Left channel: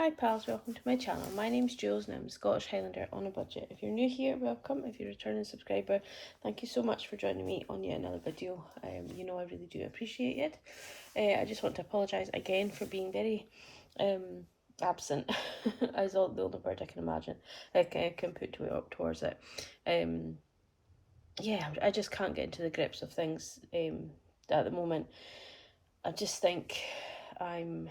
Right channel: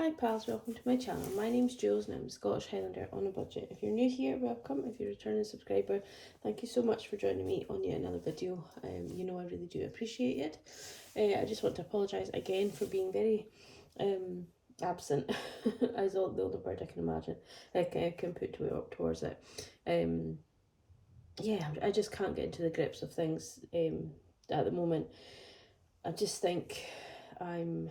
Hi pals, welcome to my channel. My name's Julz and I'm a Scottish Highlander on a budget. If you're new here, welcome. If you're a returning subscriber, thank you so much for joining me on yet another video. You know I really do appreciate it. I just want to apologise again for being very absent, as all the older word I can imagine, I can put up towards it. Yeah, I just can't get into the grips of things at the moment. I just think I'm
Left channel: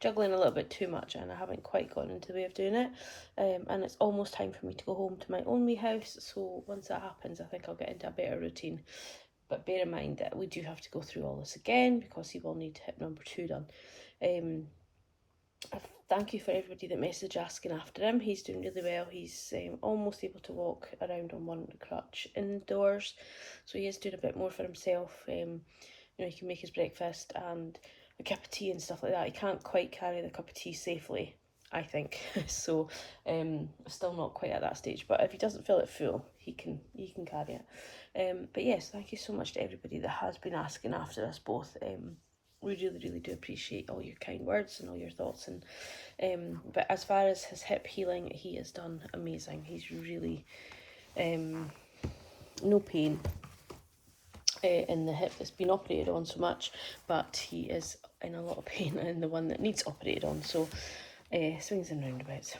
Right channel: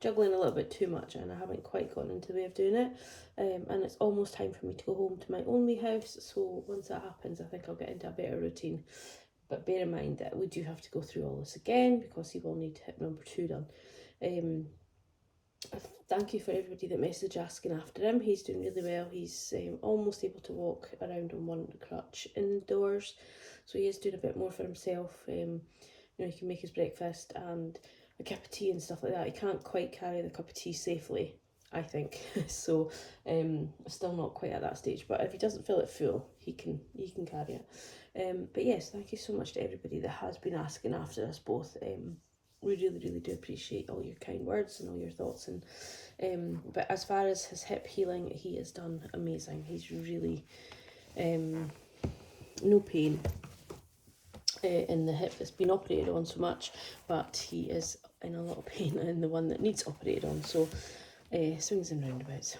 juggling a little bit too much and I haven't quite gotten into the way of doing it, and it's almost time for me to go home to my own wee house, so once that happens I think I'll get into a better routine. But bear in mind that we do have to go through all this again because he will need to hit number 2 done. Thank you for everybody that messaged asking after him. He's doing really well. He's almost able to walk around on one crutch indoors, so he is doing a bit more for himself. You know, he can make his breakfast and a cup of tea and stuff like that. He can't quite carry the cup of tea safely, I think. So still not quite at that stage, but if he doesn't fill it full, he can carry it. But yes, thank you so much to everybody that has been asking after us both. We really do appreciate all your kind words and all your thoughts. And but as far as his hip healing, he has done amazing. He's really no pain in the hip that's been operated on so much, but he is in a lot of pain in the one that needs operated on, so swings and roundabouts.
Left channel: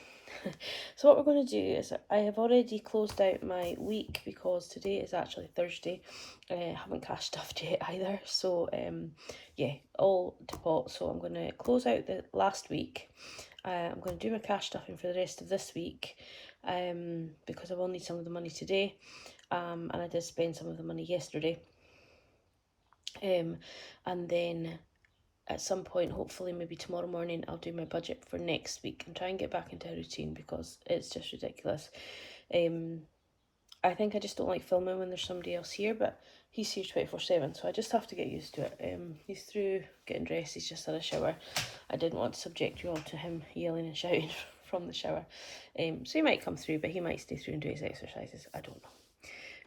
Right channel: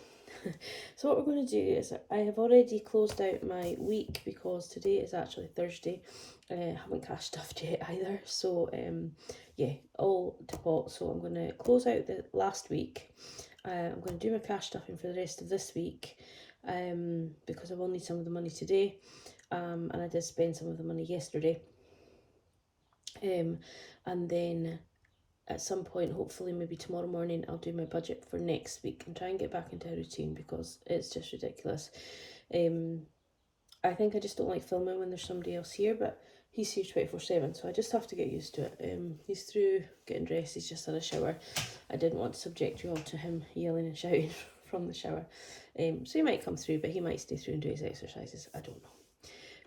So what we're going to do is, I have already closed out my week because today is actually Thursday. I haven't cash stuffed yet either, so yeah, all to pot. So I'm going to close out the last week. I'm going to do my cash stuffing for the rest of this week, because I will need some of the money today, and I did spend some of the money yesterday. And then at some point, hopefully maybe tomorrow morning, I'll do my budget for next week and try and get back into a routine because it's just ridiculous. I think I just don't like filming when there's somebody else here, but he's here 24/7, so I just have to get used to it. He's through getting dressed, he's just had a shower. I didn't want to subject you all to him yelling and shouting from the shower. So he might come through, but he might stay through and do his exercises, I don't know.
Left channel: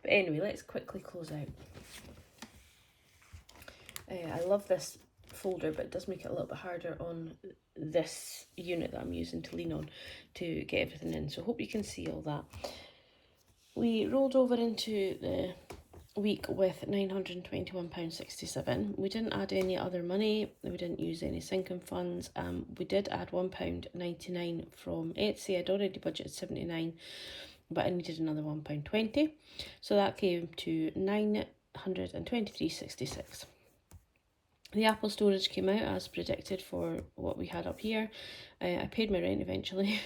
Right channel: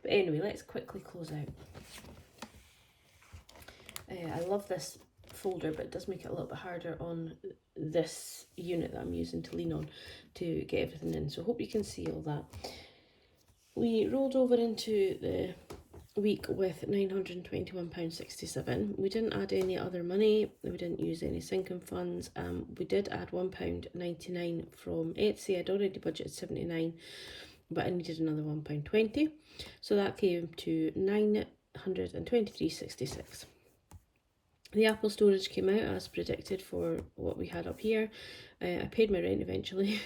But anyway, let's quickly close out. I love this folder, but it does make it a little bit harder on this unit that I'm using to lean on to get everything in, so hope you can see all that. We rolled over into the week with £921.67. We didn't add any other money, we didn't use any sinking funds. We did add £1.99 from Etsy. I'd already budgeted 79, but I needed another £1.20, so that came to £923.66. The Apple storage came out as predicted for what we had up here. I paid my rent eventually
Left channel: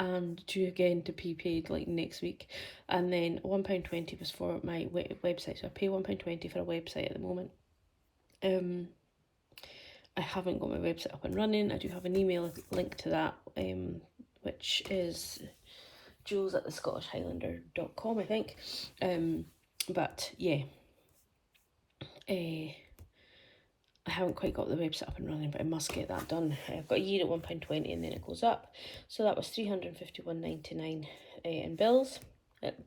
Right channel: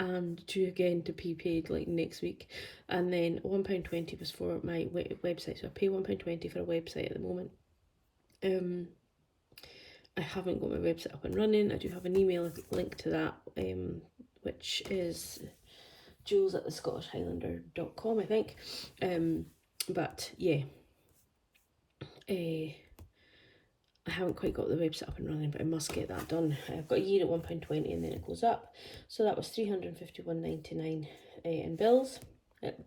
and due again to be paid like next week. And then £1.20 was for my website, so I pay £1.20 for a website at the moment. I haven't got my website up and running. I do have an email link to that, which is Julz@thescottishhighlander.com, I think. But yeah, I haven't quite got the website up and running, but I must get that done. I've got a year at £1.20 and then it goes up. So that was £351.99 in bills.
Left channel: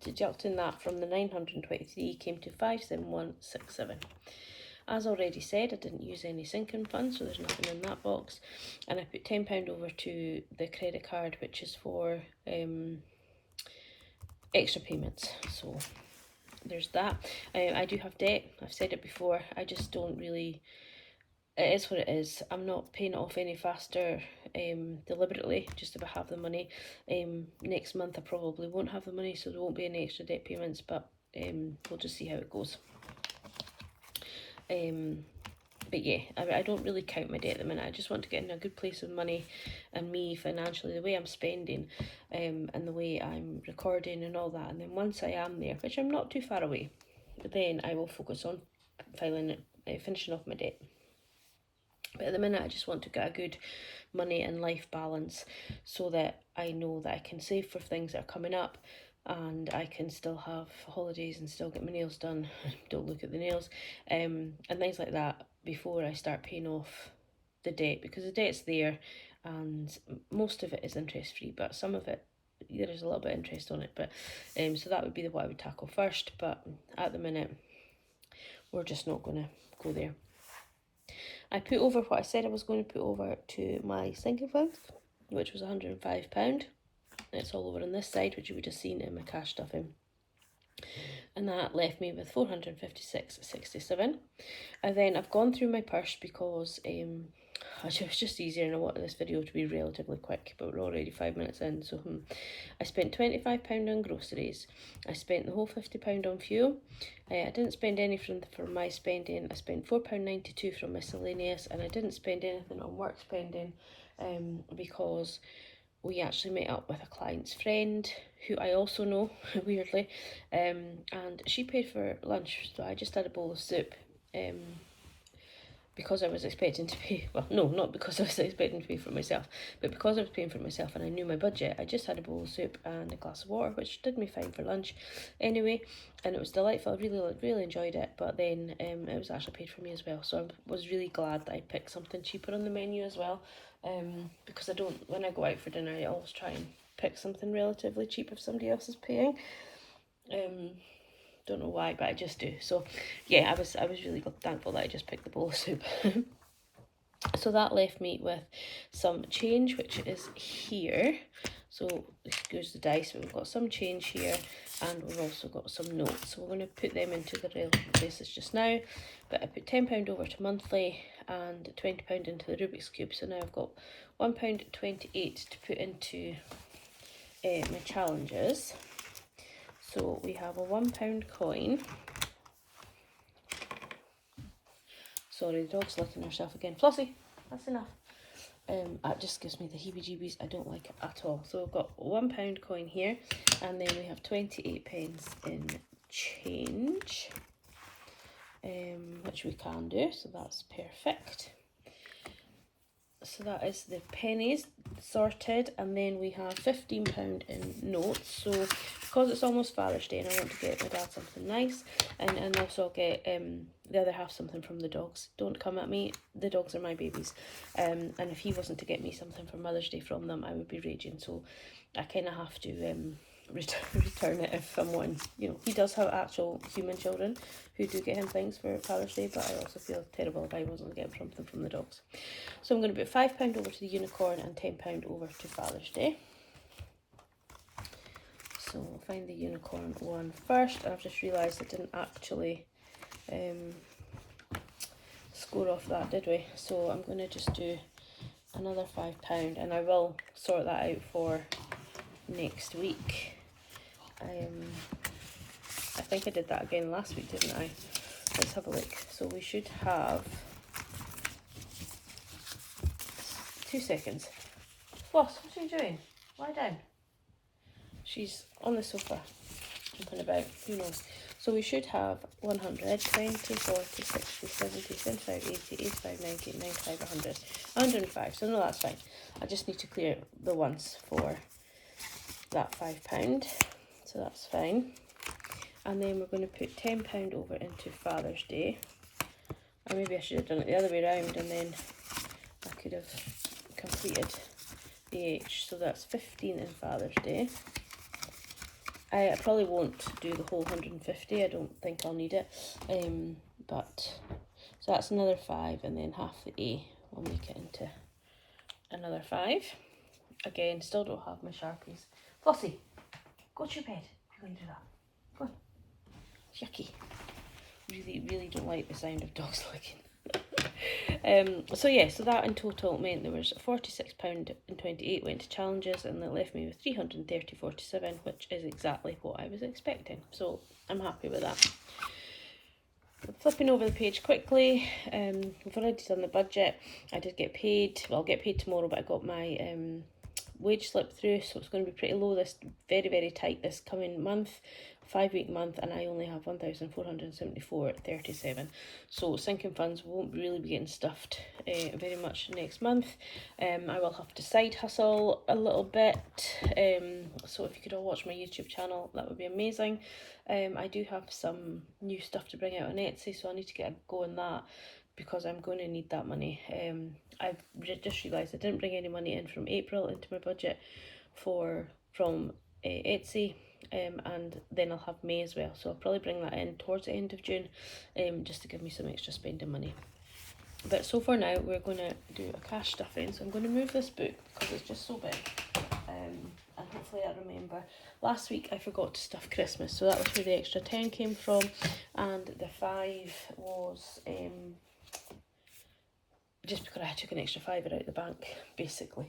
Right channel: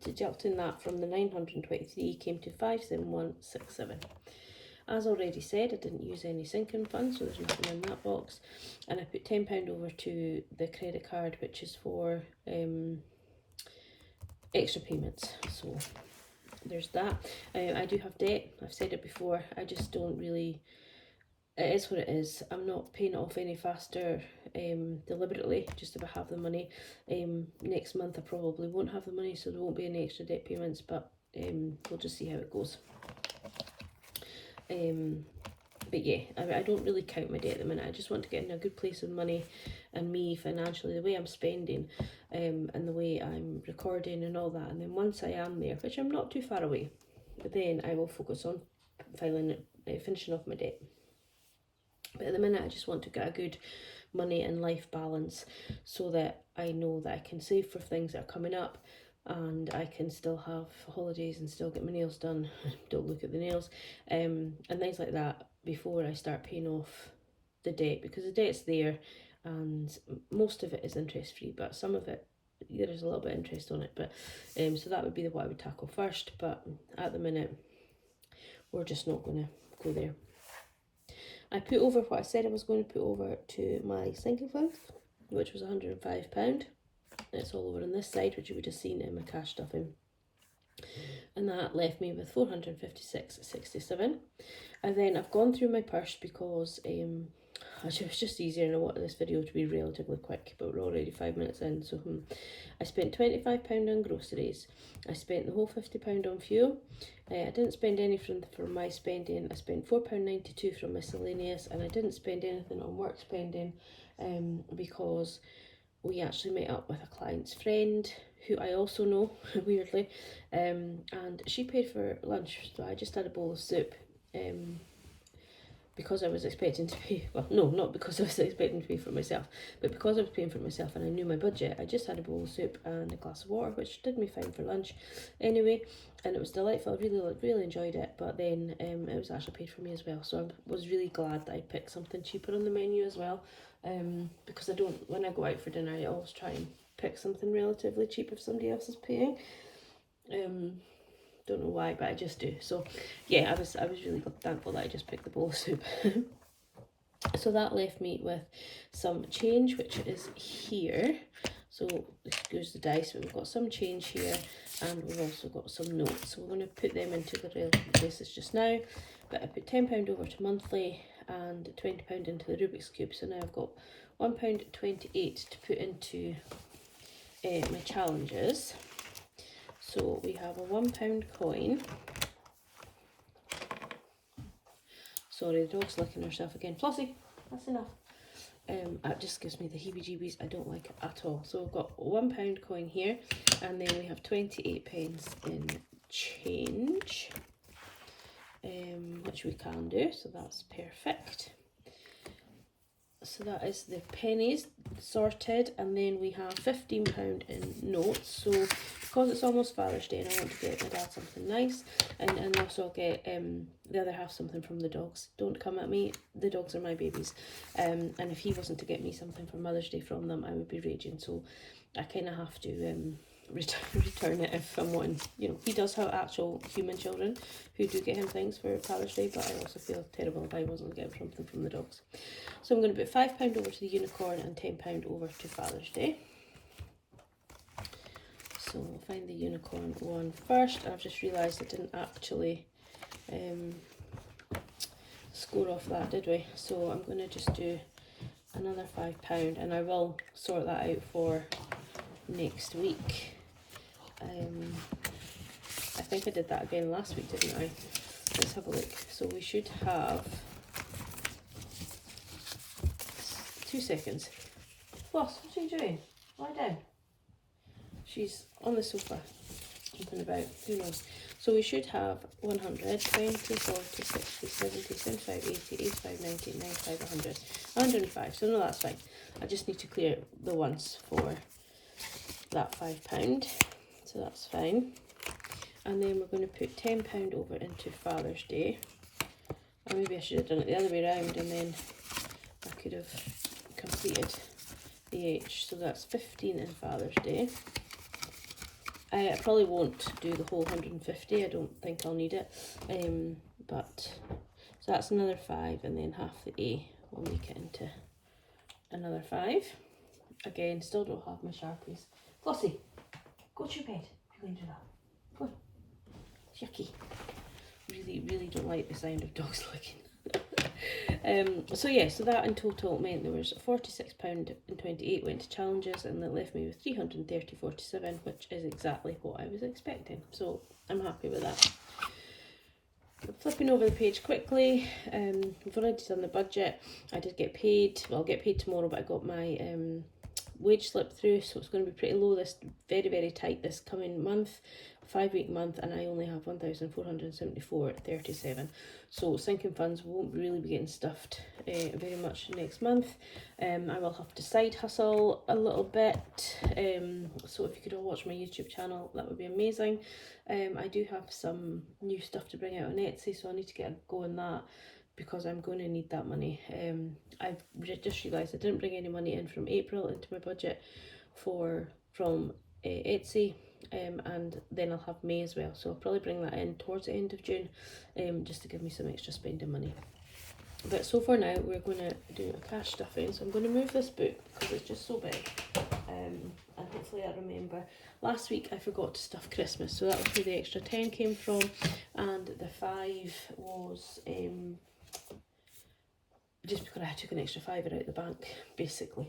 Deducting that from the 923 came to 571.67. As already said, I didn't use any sinking funds, so there's nothing in that box. And I put £10 over to the credit card, which is for extra payments. So there's that. I do have debt. I've said it before. I just don't really... It is what it is. I'm not paying it off any faster deliberately, just if I have the money. Next month I probably won't have the money, so there won't be any extra debt payments, but we'll just see how it goes. But yeah, I don't really count my debt at the minute. I just want to get in a good place with money and me financially, the way I'm spending, and the way I'm recording and all that. And then once I am there, which I'm not too far away, then I will focus on finishing off my debt. But at the minute I just want to get a good money and life balance so that I know that I can save for things that are coming up and I can still have holidays and still get my nails done. Don't look at the nails, and things like that before I start paying off the debt, because the debt's there and most of it is interest free, but some of it there's a little bit of interest on it. But so that would be what I would tackle first, but at the minute we're just not going to go there. I put over what I said I was going to put over to my sinking funds. which was £105. It's all over on this side, which you would have seen in my cash stuffing. And that left me with 456.67. And then I've gone through my purse because it was just easier, and I wanted this video to be relatively quick, but we're already 5 minutes in. So I spent £25 on groceries. I spent the whole £50 on fuel. I didn't spend any from my spending. I spent £4.92 from miscellaneous, and I didn't spend anything on work spending because we actually met up with a client's friend who I also know, weirdly, and she paid for lunch, so I just had a bowl of soup. Because I was expecting to pay, well, no, not because I was expecting to pay for myself, but because I was paying for myself and I knew my budget, I just had a bowl of soup and a glass of water, which did me fine for lunch anyway, and it was delightful. I really enjoyed it, but then it was actually paid for me as well, so I was really glad that I picked something cheaper on the menu as well, because when I go out for dinner, I always try and pick something relatively cheap if somebody else is paying. Don't know why, but I just do. So yeah, I was really thankful that I just picked the bowl of soup. So that left me with some change, which is here. So this goes the dice, but we've got some change here, and we've also got some notes. So we're going to put them into the relative places just now. But I put £10 over to monthly and £20 into the Rubik's Cube. So now I've got £1.28 to put into my challenges. So we have a £1 coin. Sorry, the dog's licking herself again. Flossie, that's enough. That just gives me the heebie-jeebies. I don't like it at all. So we've got a £1 coin here, and then we have 28 pence in change, which we can do, so that's perfect. So that is the pennies sorted, and then we have £15 in notes. So because it's almost Father's Day and I want to get my dad something nice, and also I'll get the other half something from the dogs. Don't come at me, the dogs are my babies, and if he wasn't to get me something for Mother's Day from them, I would be raging. So I kind of have to return it if I'm wanting. You know, he does have actual human children who do get him things for Father's Day, but I also feel terrible if I wasn't getting something from the dogs. So I'm going to put £5 over to the unicorn and £10 over to Father's Day. So we'll find the unicorn one first, and I've just realised I didn't actually score off that, did we? So I'm going to just do another £5, and I will sort that out for next week. I think I did that again last week, didn't I? Let's have a look. So we should have 2 seconds. Floss, what are you doing? Lie down. She's on the sofa, jumping about, who knows. So we should have 100, 20, 40, 60, 70, 75, 80, 85, 90, 95, 100. 105, so no, that's fine. I just need to clear the ones for that £5, so that's fine. And then we're going to put £10 over into Father's Day. Or maybe I should have done it the other way around, and then I could have completed the H. So that's 15 in Father's Day. I probably won't do the whole 150. I don't think I'll need it. But so that's another 5, and then half the A will make it into another 5. Again, still don't have my Sharpies. Flossie, go to your bed if you're going to do that. Go on. Yucky. Really don't like the sound of dogs licking. So yeah, so that in total meant there was £46.28 went to challenges, and that left me with £330.47, which is exactly what I was expecting. So I'm happy with that. Flipping over the page quickly, we've already done the budget. I did get paid. Well, I'll get paid tomorrow, but I got my wage slip through, so it's going to be pretty low, this very tight this coming month, 5-week month, and I only have 1,474.37. So sinking funds won't really be getting stuffed very much next month. I will have to side hustle a little bit, so if you could all watch my YouTube channel, that would be amazing. I do have some new stuff to bring out on Etsy, so I need to get a go on that, because I'm going to need that money. I've just realised I didn't bring any money in from April into my budget from Etsy, and then I'll have May as well, so I'll probably bring that in towards the end of June, just to give me some extra spending money. But so for now, we're going to do a cash stuffing. So I'm going to move this book because it's just so big. And hopefully I remember. Last week I forgot to stuff Christmas, so that was where the extra 10 came from. And the 5 was just because I took an extra £5 out the bank, basically.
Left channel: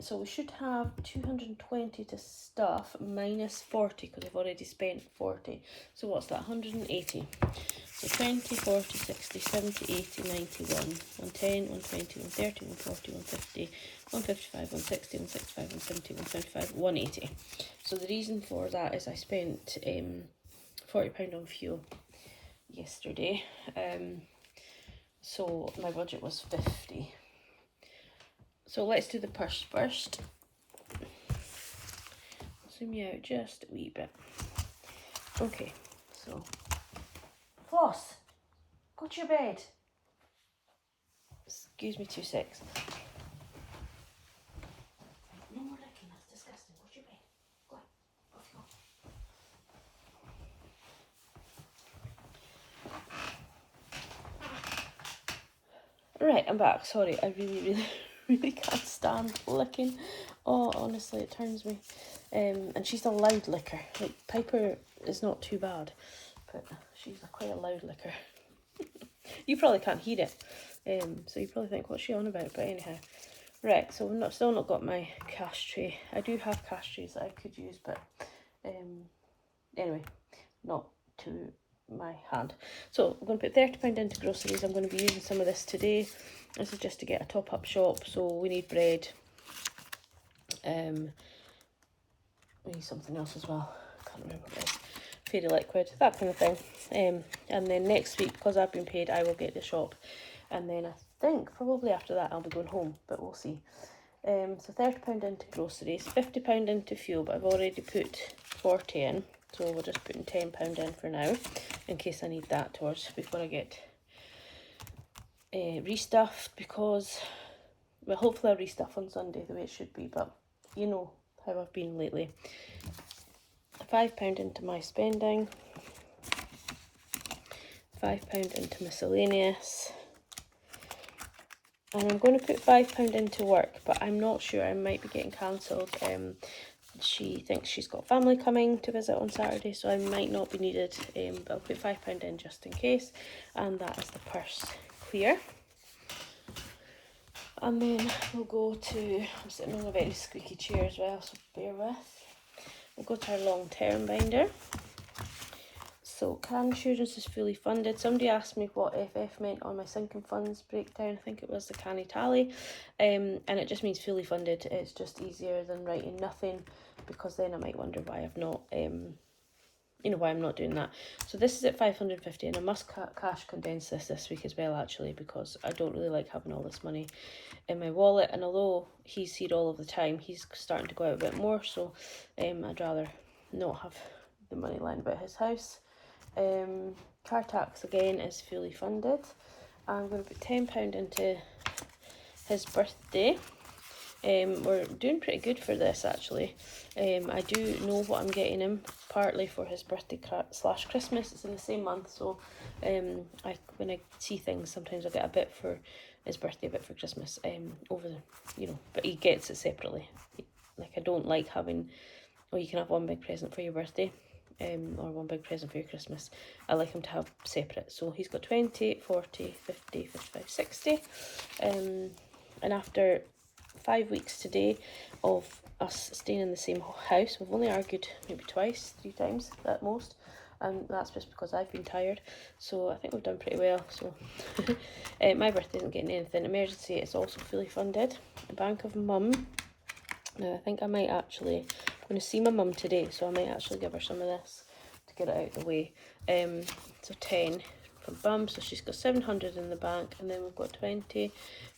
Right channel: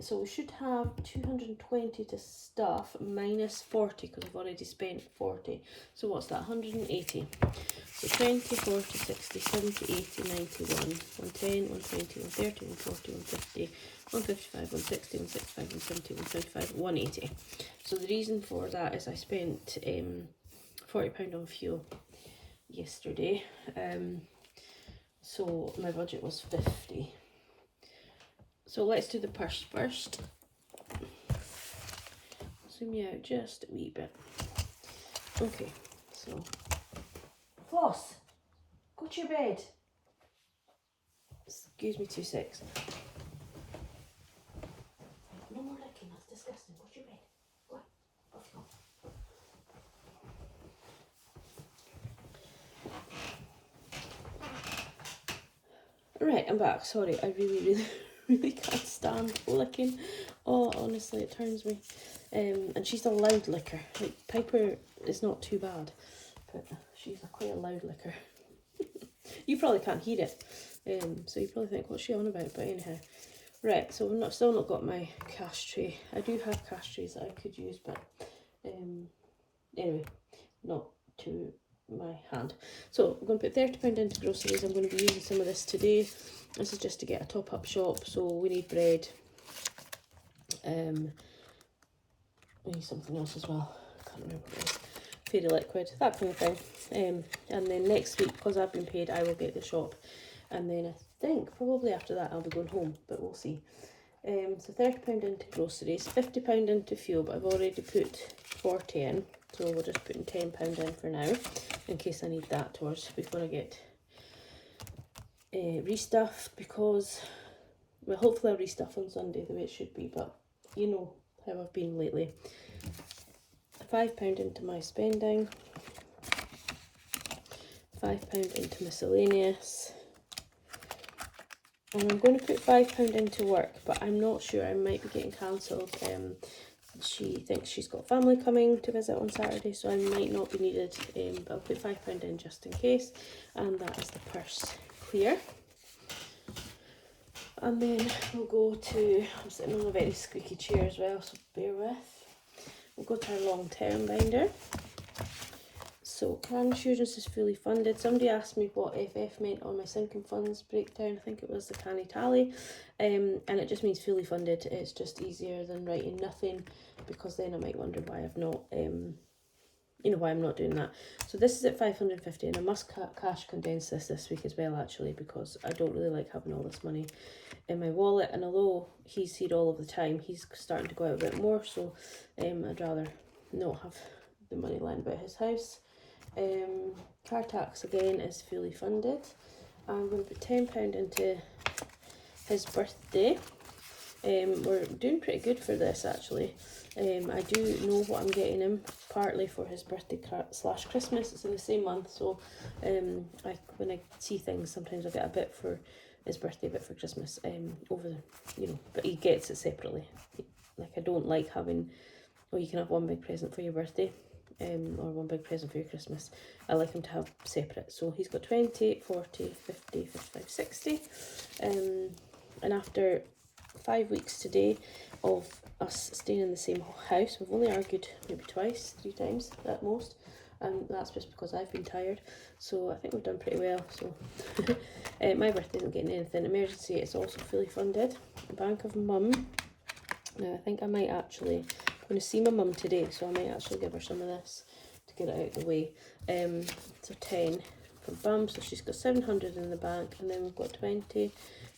So we should have 220 to stuff minus 40 because I've already spent 40. So what's that? 180. So 20, 40, 60, 70, 80, 90, 110, 120, 130, 140, 150, 155, 160, 165, 170, 175, 180. So the reason for that is I spent £40 on fuel yesterday. So my budget was 50. So let's do the purse first. Zoom you out just a wee bit. Okay, so Floss, go to your bed. Excuse me 2 secs. No more licking, that's disgusting. Go to your bed. Go on, off you go. Right, I'm back. Sorry, I really can't stand licking. Oh, honestly, it turns me. And she's a loud licker. Like, Piper is not too bad, but she's quite a loud licker. You probably can't hear it, so you probably think, what's she on about? But anyhow, right, so we've still not got my cash tray. I do have cash trays that I could use, but anyway, not to my hand. So I'm going to put £30 into groceries. I'm going to be using some of this today. This is just to get a top-up shop, so we need bread. We need something else as well. I can't remember what it is. Fairy liquid, that kind of thing. And then next week, because I've been paid, I will get the shop. And then I think probably after that I'll be going home, but we'll see. So £30 into groceries, £50 into fuel, but I've already put 40 in. So we're just putting £10 in for now, in case I need that towards before I get restuffed, because, well, hopefully I'll restuff on Sunday the way it should be, but you know how I've been lately. £5 into my spending, £5 into miscellaneous, and I'm going to put £5 into work, but I'm not sure, I might be getting cancelled. She thinks she's got family coming to visit on Saturday, so I might not be needed, but I'll put £5 in just in case. And that is the purse clear. And then we'll go to, I'm sitting on a very squeaky chair as well, so bear with. We'll go to our long-term binder. So car insurance is fully funded. Somebody asked me what FF meant on my sinking funds breakdown. I think it was the canny tally. And it just means fully funded. It's just easier than writing nothing, because then I might wonder why I've not, why I'm not doing that. So this is at 550, and I must cash condense this week as well, actually, because I don't really like having all this money in my wallet. And although he's here all of the time, he's starting to go out a bit more, so I'd rather not have the money lying about his house. Car tax again is fully funded. I'm going to put £10 into his birthday. We're doing pretty good for this, actually. I do know what I'm getting him, partly for his birthday / Christmas. It's in the same month, so when I see things, sometimes I get a bit for his birthday, a bit for Christmas, but he gets it separately. Like, I don't like having, you can have one big present for your birthday, or one big present for your Christmas. I like him to have separate. So he's got 20, 40, 50, 55, 60. And after 5 weeks today of us staying in the same house, we've only argued maybe 3 times at most, and that's just because I've been tired. So I think we've done pretty well. So my birthday isn't getting anything. Emergency is also fully funded. Bank of Mum. Now I think I might actually, I'm going to see my mum today, so I might actually give her some of this to get it out of the way. So 10 for Bum, so she's got 700 in the bank, and then we've got 20,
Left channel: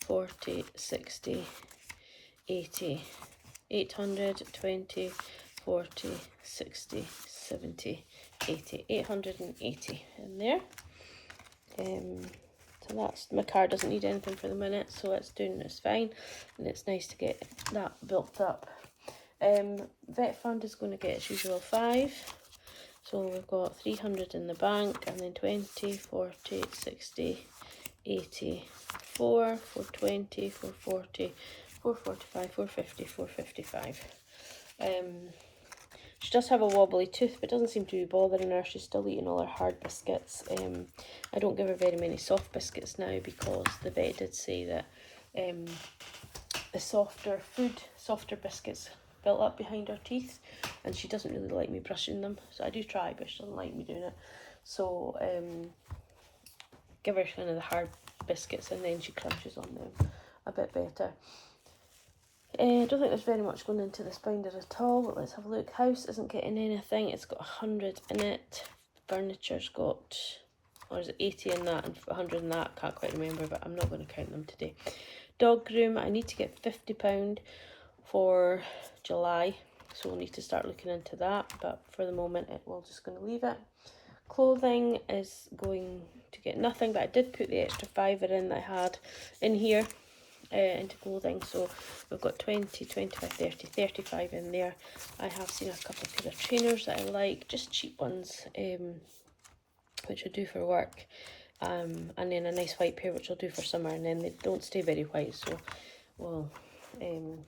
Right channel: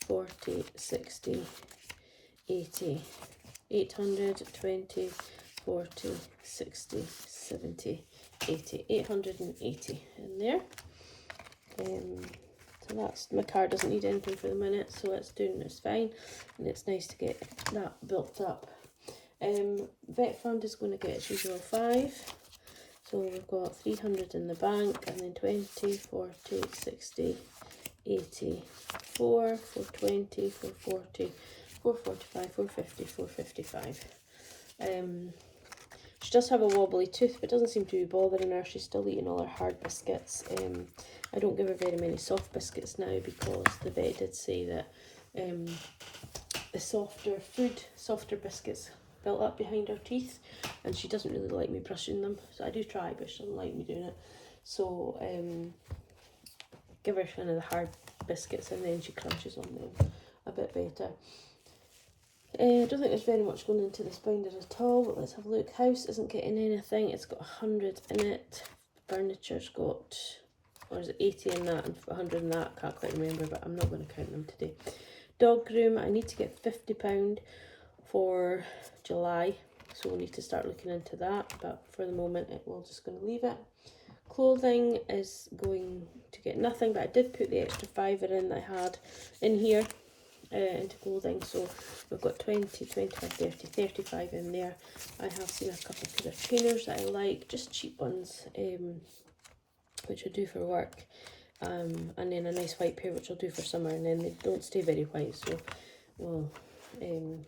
40, 60, 80, 800, 20, 40, 60, 70, 80, 880 in there. So that's, my car doesn't need anything for the minute, so it's fine, and it's nice to get that built up. Vet fund is going to get its usual 5, so we've got 300 in the bank, and then 20, 40, 60, 84, 420, 440, 445, 450, 455. She does have a wobbly tooth, but doesn't seem to be bothering her. She's still eating all her hard biscuits. I don't give her very many soft biscuits now because the vet did say that the softer biscuits built up behind her teeth, and she doesn't really like me brushing them. So I do try, but she doesn't like me doing it. So give her kind of the hard biscuits, and then she crunches on them a bit better. I don't think there's very much going into this binder at all, but let's have a look. House isn't getting anything. It's got 100 in it. Furniture's got, or is it 80 in that and 100 in that? Can't quite remember, but I'm not going to count them today. Dog groom, I need to get £50 for July, so we'll need to start looking into that, but for the moment we're just going to leave it. Clothing is going to get nothing, but I did put the extra £5 in that I had in here into clothing, so we've got 20, 25, 30, 35 in there. I have seen a couple of pair of trainers that I like, just cheap ones, which I do for work, and then a nice white pair which I'll do for summer, and then they don't stay very white, so well, you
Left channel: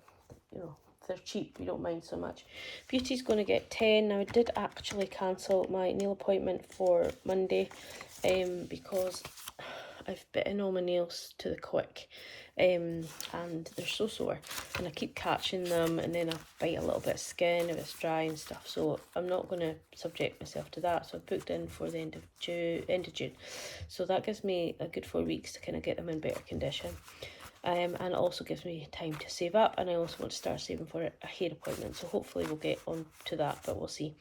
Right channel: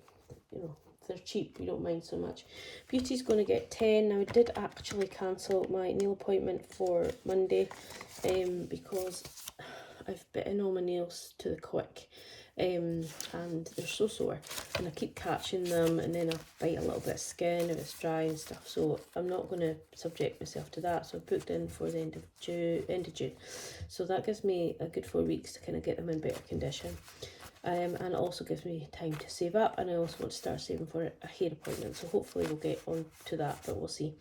know, if they're cheap we don't mind so much. Beauty's going to get 10. Now I did actually cancel my nail appointment for Monday because I've bitten all my nails to the quick, and they're so sore, and I keep catching them, and then I bite a little bit of skin if it's dry and stuff, so I'm not going to subject myself to that. So I've booked in for the end of June, so that gives me a good 4 weeks to kind of get them in better condition, and it also gives me time to save up, and I also want to start saving for a hair appointment, so hopefully we'll get on to that, but we'll see.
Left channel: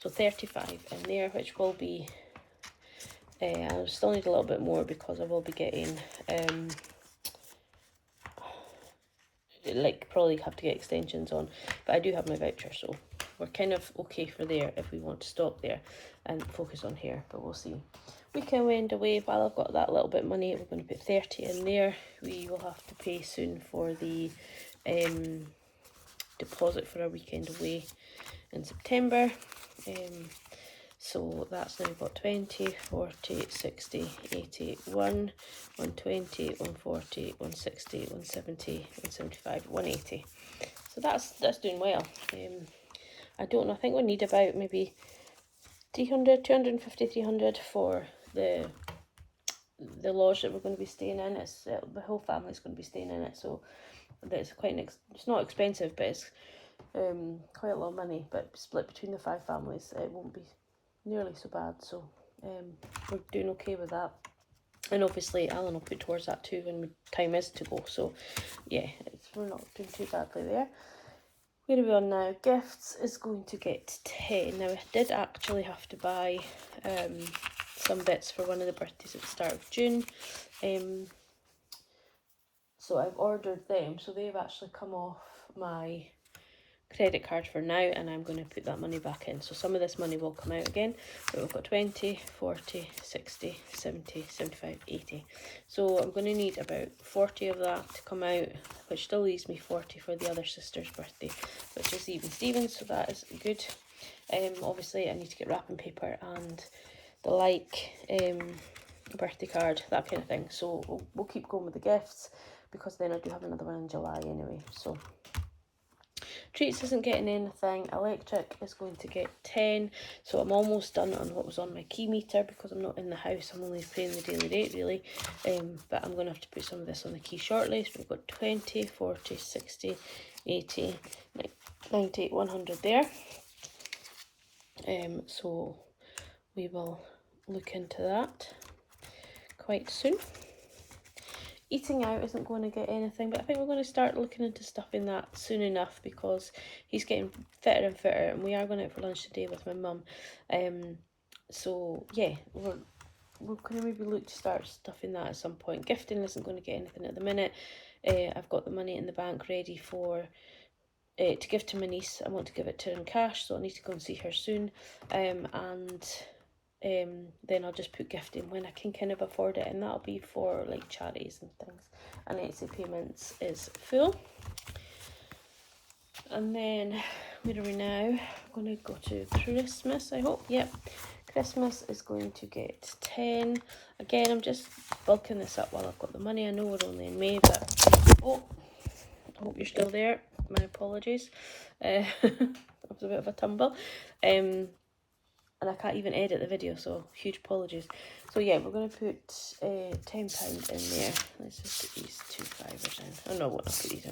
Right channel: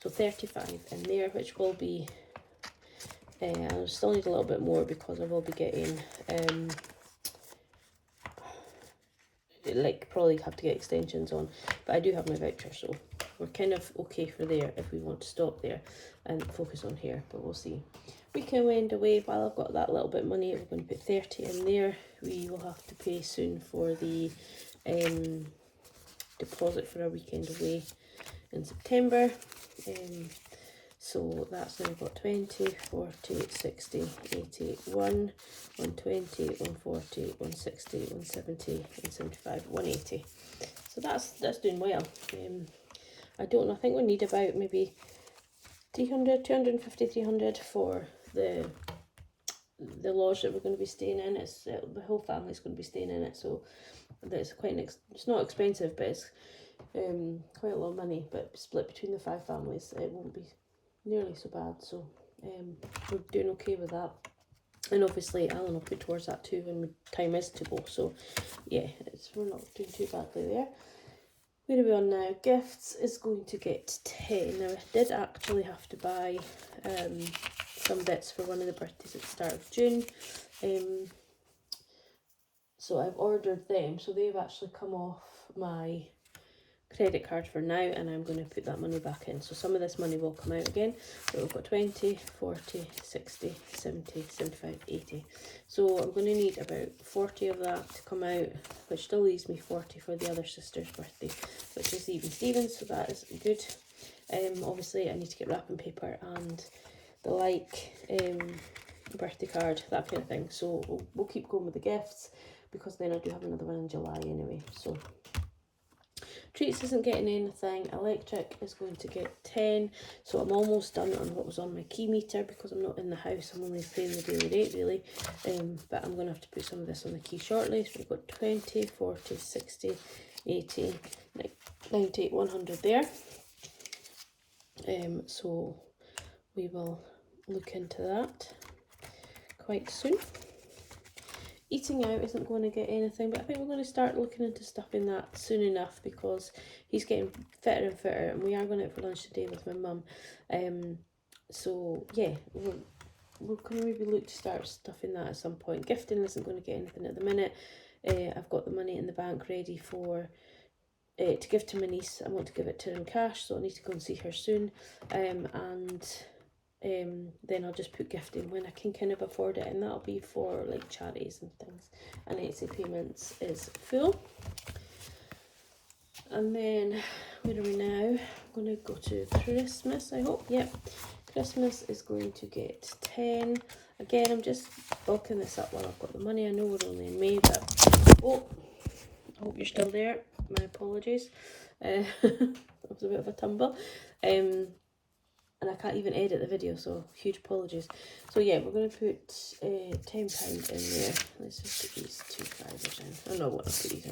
So 35 in there, which will be I'll still need a little bit more because I will be getting like probably have to get extensions on, but I do have my voucher, so we're kind of okay for there if we want to stop there and focus on hair, but we'll see. Weekend away, while I've got that little bit of money, we're going to put 30 in there. We will have to pay soon for the deposit for our weekend away in September. So that's now got 20, 40, 60, 80, 120, 140, 160, 170, 175, 180. So that's doing well. I don't know, I think we need about maybe 300, 250, 300 for the lodge that we're going to be staying in. It's the whole family's going to be staying in it, so that's quite it's not expensive, but it's quite a lot of money, but split between the 5 families it won't be nearly so bad, so we're doing okay with that. And obviously Alan will put towards that too when time is to go, so yeah, we're not doing too badly there. Where are we on now? Gifts is going to get 10. Now I did actually have to buy some bits for one of the birthdays at the start of June, so I've ordered them, so they've actually come off my credit card for now, and I'm going to put that money back in, so some of this money will come out again, but we've got 20, 40, 60, 70, 75, 80, so I'm going to need about 40 of that to come out, which still leaves me 40 for the other sister's birthday, which is even Stevens, so that is good. Obviously I need to get wrapping paper and the birthday card, that kind of thing, so we'll keep going with the gifts, because then I do have another one in July anyway. So treats isn't getting anything. Electric is going to get 10, so I'm almost done on what was on my key meter, because I'm not in the house, I'm only paying the daily rate really, but I'm going to have to put some of this on the key shortly. So we've got 20, 40, 60, 80, 90, 100 there, so we will look into that quite soon. Eating out isn't going to get anything, but I think we're going to start looking into stuff in that soon enough, because he's getting fitter and fitter, and we are going out for lunch today with my mum. So yeah, we're going to maybe look to start stuff in that at some point. Gifting isn't going to get anything at the minute. I've got the money in the bank ready for to give to my niece. I want to give it to her in cash, so I need to go and see her soon, and then I'll just put gifting when I can kind of afford it, and that'll be for like charities and things. And Etsy payments is full. And then where are we now? I'm going to go to Christmas, I hope. Yep, Christmas is going to get 10. Again, I'm just bulking this up while I've got the money. I know we're only in May, but oh, I hope you're still there. My apologies. It was a bit of a tumble. And I can't even edit the video, so huge apologies. So yeah, we're going to put £10 in there. Let's just put these 2 fivers in. I know what I'll put these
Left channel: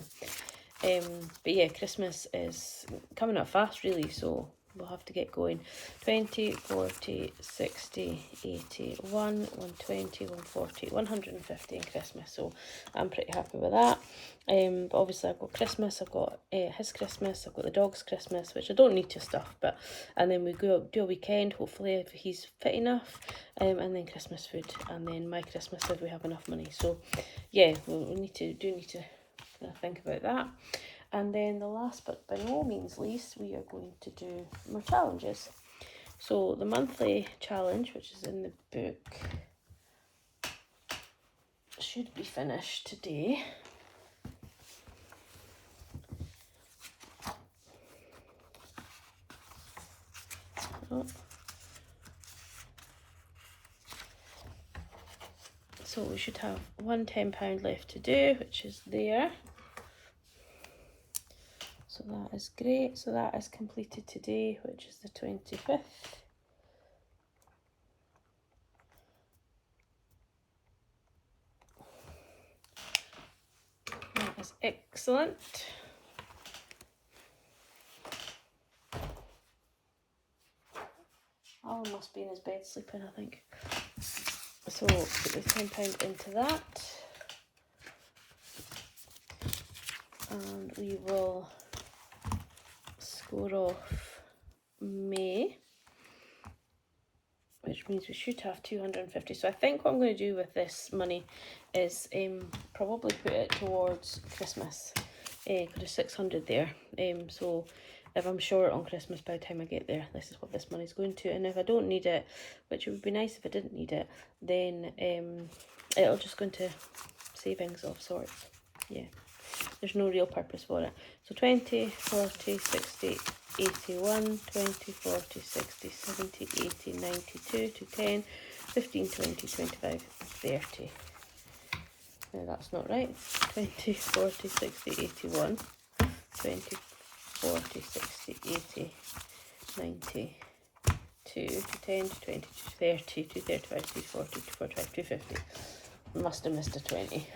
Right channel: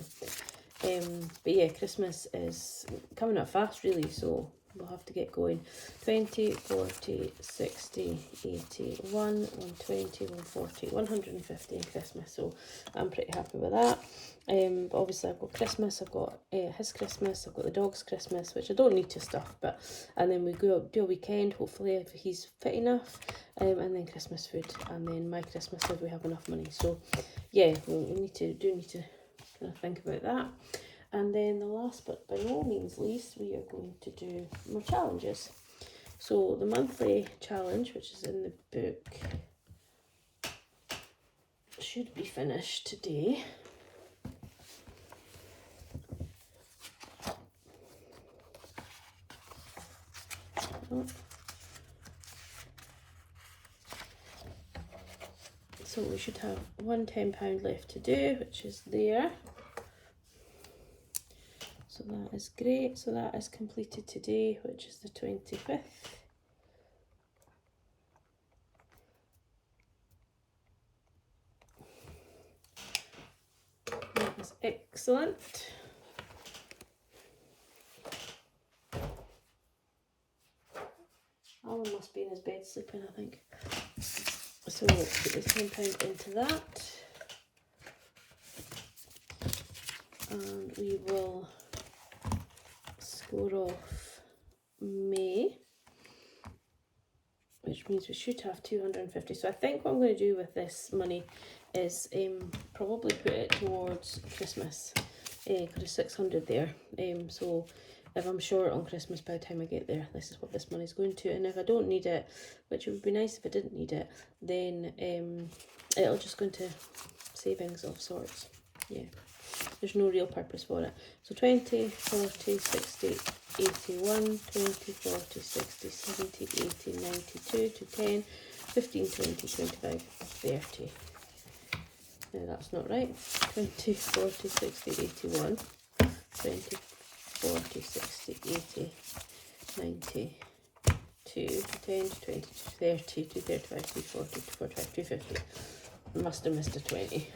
in. But yeah, Christmas is coming up fast really, so we'll have to get going. 20, 40, 60, 80, 120, 140, 150 in Christmas, so I'm pretty happy with that. But obviously I've got Christmas, I've got his Christmas, I've got the dog's Christmas, which I don't need to stuff, but and then we do a weekend, hopefully if he's fit enough, and then Christmas food, and then my Christmas if we have enough money. So yeah, we need to kind of think about that. And then the last but by no means least, we are going to do more challenges. So the monthly challenge, which is in the book, should be finished today. Oh. So we should have one £10 left to do, which is there. So that is great. So that is completed today, which is the 25th. That is excellent. Alan must be in his bed sleeping, I think. So we'll put the £10 into that. And we will score off May, which means we should have 250. So I think what I'm going to do with this money is probably put it towards Christmas. Got a 600 there. So if I'm short on Christmas by the time I get there, this is what this money's going to. And if I don't need it, which it would be nice if I didn't need it, then it'll just go into savings of sorts. Yeah, there's no real purpose for it. So 20, 40, 60, 81, 20, 40, 60, 70, 80, 92, to 10, 15, 20, 25, 30. No, that's not right. 20, 40, 60, 81, 20, 40, 60, 80, 90, 2, 10, 20, 30, 235, 240, 245, 250. Must have missed a 20.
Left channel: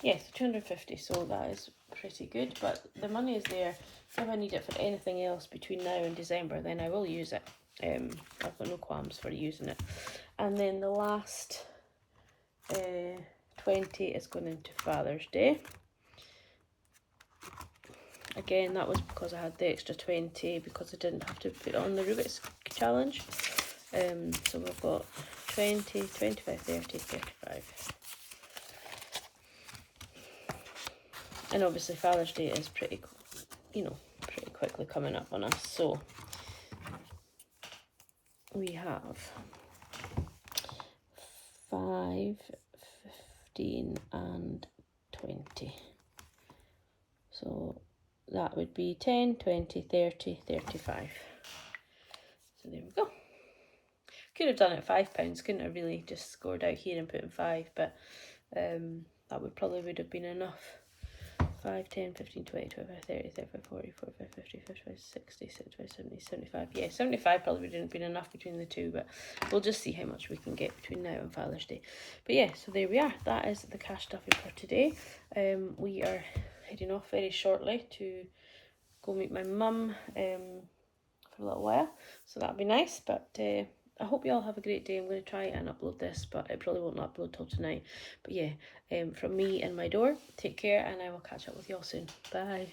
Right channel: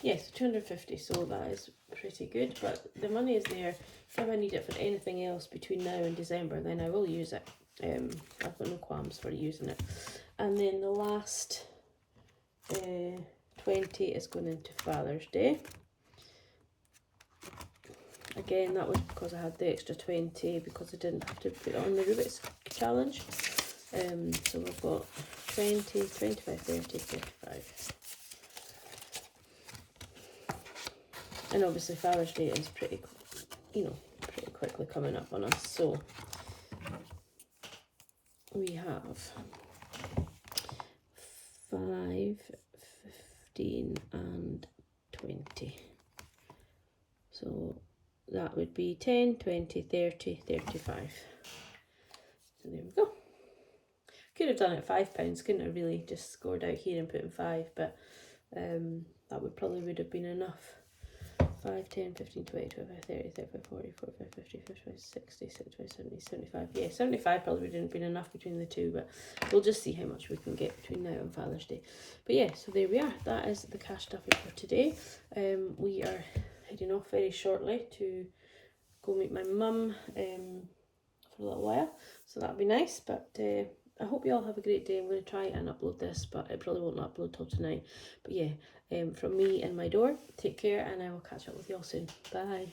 Yes, 250, so that is pretty good, but the money is there. If I need it for anything else between now and December, then I will use it. I've got no qualms for using it. And then the last 20 is going into Father's Day. Again, that was because I had the extra 20 because I didn't have to put it on the Rubik's challenge. So we've got 20, 25, 30, 35. And obviously Father's Day is pretty quickly coming up on us. So we have 5, 15 and 20. So that would be 10, 20, 30, 35. So there we go. Could have done it £5, couldn't have really just scored out here and put in 5, but that would have been enough. 5, 10, 15, 20, 25, 30, 35, 40, 45, 50, 55, 60, 65, 70, 75. Yeah, 75 probably wouldn't have been enough between the two, but we'll just see how much we can get between now and Father's Day. But yeah, so there we are. That is the cash stuffing for today. We are heading off very shortly to go meet my mum for a little while, so that'll be nice. But I hope you all have a great day. I'm going to try and upload this, but it probably won't upload till tonight. But yeah, from me and my door, take care, and I will catch up with you all soon. Bye.